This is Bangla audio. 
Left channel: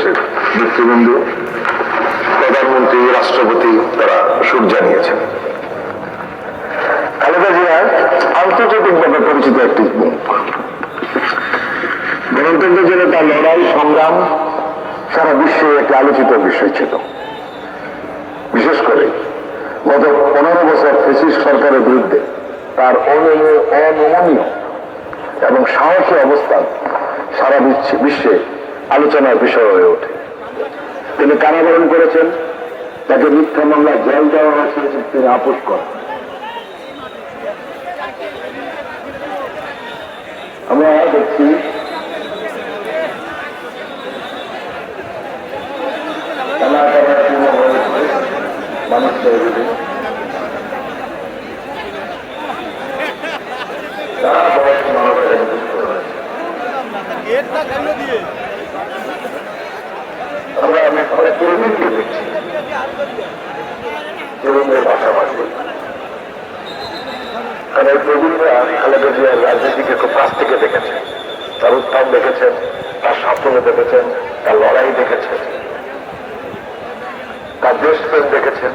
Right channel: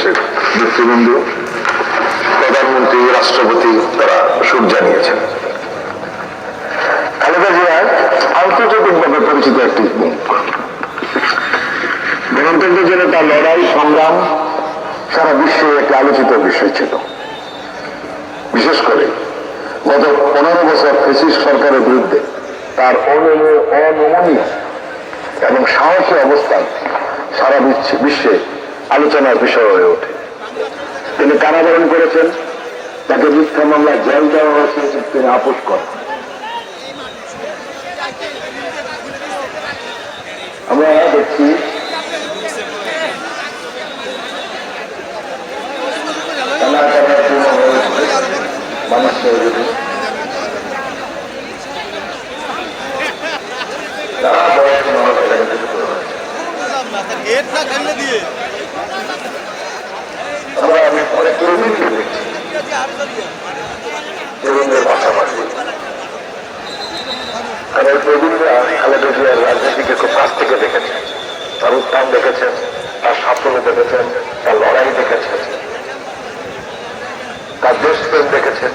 দেশের নেতৃবৃন্দ, প্রধানমন্ত্রী, রাষ্ট্রপতি তারা সুর জানিয়েছেন। খালেদা জিয়ার আন্তর্জাতিকভাবে পরিচিত একটি গণতন্ত্রের জন্য তার লড়াই সংগ্রাম সারা বিশ্বে একটি আলোচিত বিষয় ছিল। বিশেষ করে গত 15 বছর ফ্যাসিস্ট সরকারের বিরুদ্ধে তার অনমনীয় এবং সাহসী অবস্থান সারা বিশ্বে আলোচনার বিষয় হয়ে ওঠে। তিনি কারাবরণ করেছেন, তাকে মিথ্যা মামলায় জেল দেওয়া হয়েছে, তিনি আপোষ করেন। আমরা দেখছি মানুষ তরুণদের পাশাপাশি কারণ তরুণরা খালেদা জিয়ার রাজনীতিকে খুব কাছ থেকে দেখেছে, তার উত্থান দেখেছেন, তার সাফল্য দেখেছেন, তার লড়াই দেখেছেন, তার দেশপ্রেম দেখেছেন।